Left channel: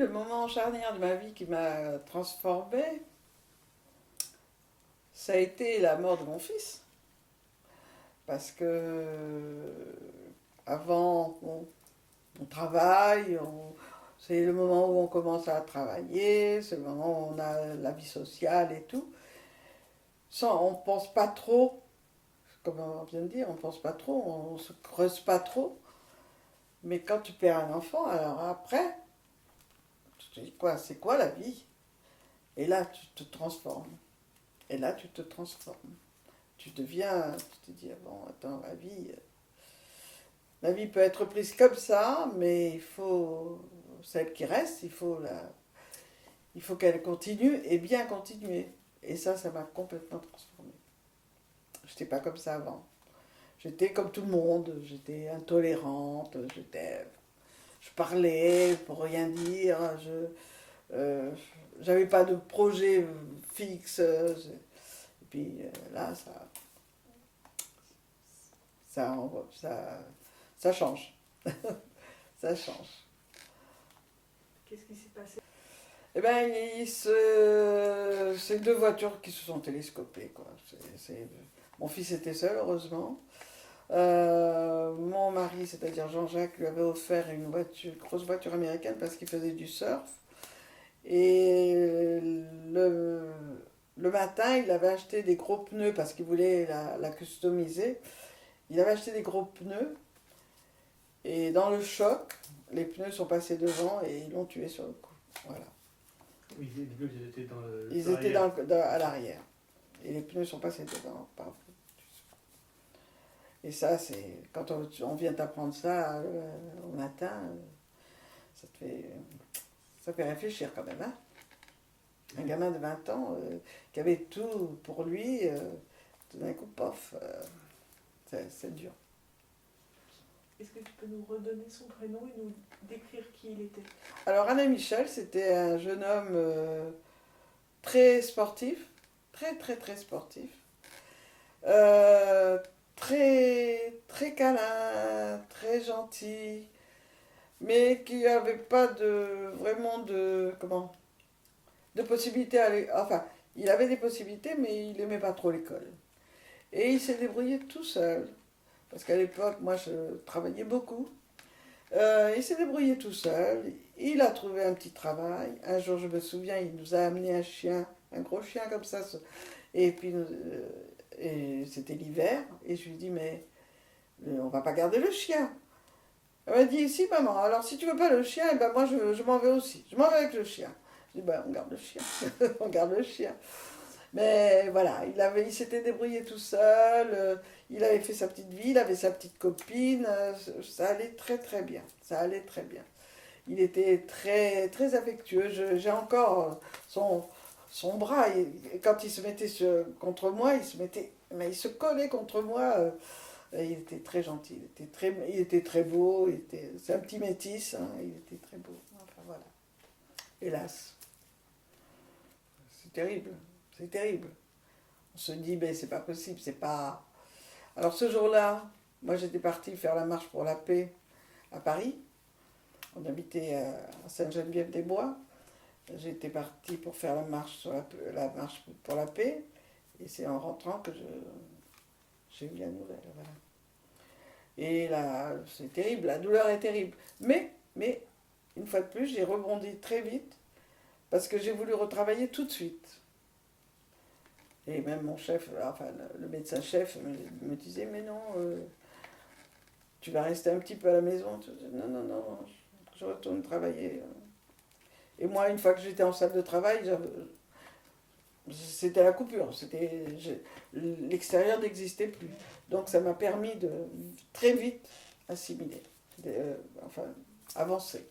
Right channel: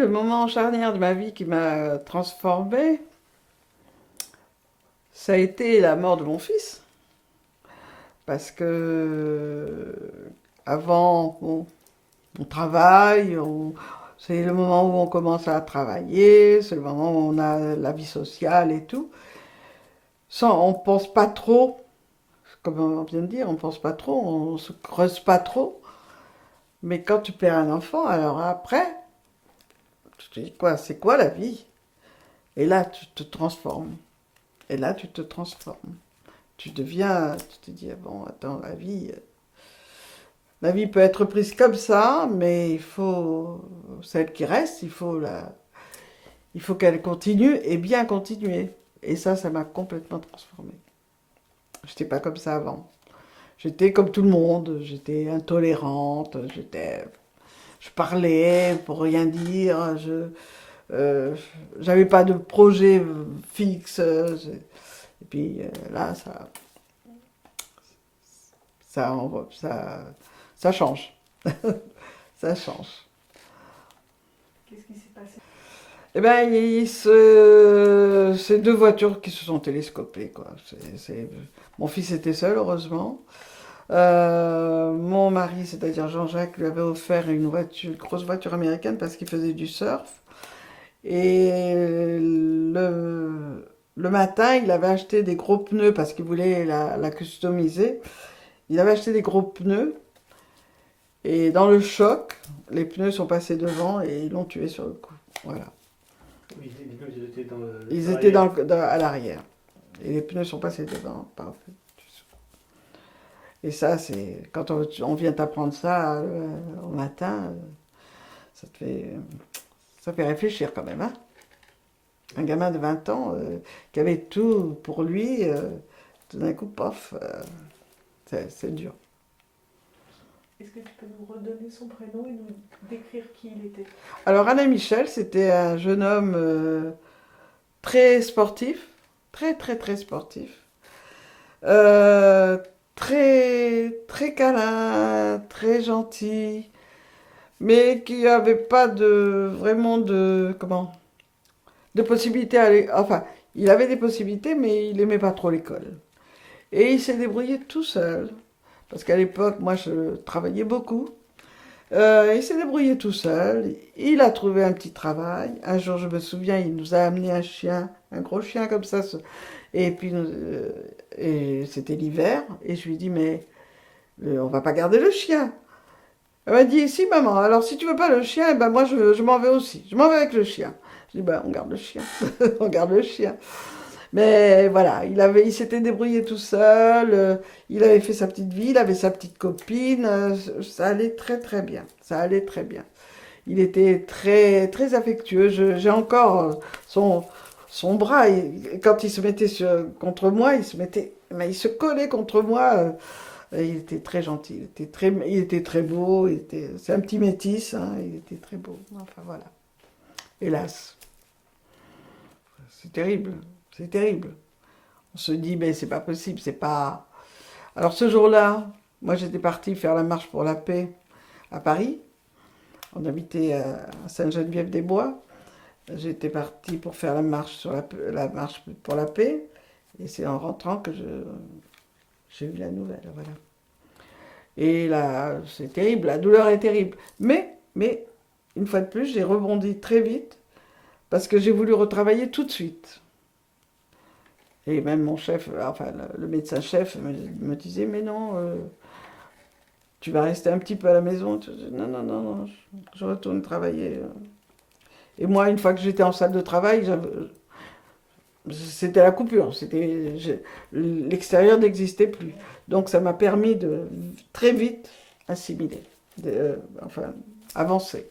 Le moment charnière de ma vie qui m'a transformée, ça a été la mort de mon fils. Parce que avant, bon, on travaille, c'est le moment où on commence à travailler, c'est le moment où on a la vie sociale et tout. Sans, on pense pas trop, comme on vient de dire, on pense pas trop, on se creuse pas trop. Mais quand tu perds un enfant, alors après, tu te dis quoi, c'est quoi la vie? Et là, tu te transformes. Et là, tu te transformes. Tu deviens, tu te dis, ah bon, attends, la vie peut être prise comme ça, mais il faut, celle qui reste, il faut qu'elle continue et bien continuer. Et ça m'a complètement transformée. J'étais pas comme ça avant. J'étais comme tout le monde, j'étais intolérante, je parlais pour rien dire, euh, j'avais pas de projet fixe. Et puis là, ça, ça, ça change. Ça change. Qu'est-ce qui s'est passé? Eh ben, c'est deux voitures qui se sont télescopées, quoi. Mon fils était seul, heureusement. Mon mari, c'est-à-dire Jean-Jacques, lui avait offert une voiture, une grosse voiture américaine parce qu'il faisait du surf. Et le matin, il avait acheté des gros pneus parce qu'il voulait la customiser. Il avait acheté des gros pneus. Et dans le choc, les pneus sont passés devant et ils l'ont tué sur le coup. Voilà. Oui, les pneus, ils étaient dans Ils étaient l'arrière. à l'arrière. Et les pneus sont passés devant. Parfait. Et ça, c'est quand on vient t'apprendre ça au matin, ça te fait, ça fait réfléchir quand même. Hein. Un gamin de 20 ans qui avait tout pour lui, tout d'un coup, pof, c'est dur. Est-ce que tu peux nous redonner son prénom et nous décrire qui il était? Alors Alain Michel, c'était un jeune homme très sportif, très sportif. Euh, très câlin, très gentil, mais qui avait pas de vraiment de comment de possibilités à enfin il avait des possibilités mais il aimait pas trop l'école et il s'est débrouillé tout seul parce qu'à l'époque moi je travaillais beaucoup. Il s'est débrouillé tout seul, il a trouvé un petit travail. Un jour je me souviens il nous a amené un chien, un gros chien comme ça, et puis et c'était l'hiver et je lui dis mais on va pas garder le chien. Elle m'a dit, si maman, alors si tu veux pas le chien, eh ben moi je m'en vais aussi. Je m'en vais avec le chien. Je dis, ben on garde le chien. On garde le chien. Mais voilà, il s'était débrouillé tout seul, il avait fait sa petite vie, il avait sa petite copine, ça allait très bien. Ça allait très bien. Il était très affectueux. J'ai encore son bras. Quand il se mettait contre moi, mais il se collait contre moi. Il était très gentil, il était très beau, c'est un petit métis, hein, il était très beau. Enfin voilà. Hélas, c'est terrible, c'est terrible. On se dit, mais c'est pas possible, c'est pas. Alors ce jour-là, moi j'étais partie faire la marche pour la paix à Paris. On habitait à Sainte-Geneviève-des-Bois. J'étais partie pour faire la marche pour la paix. Et c'est en rentrant que j'ai eu la nouvelle. Voilà. Et là, c'est terrible, la douleur est terrible. Mais, une fois de plus, j'ai rebondi très vite parce que j'ai voulu retravailler tout de suite. Et même mon chef, enfin le médecin-chef me disait, mais non, tu vas rester un petit peu à la maison. Non, je retourne travailler. Et moi, une fois que j'étais en salle de travail, c'était la coupure. L'extérieur n'existait plus. Donc ça m'a permis de très vite assimiler, enfin avancer.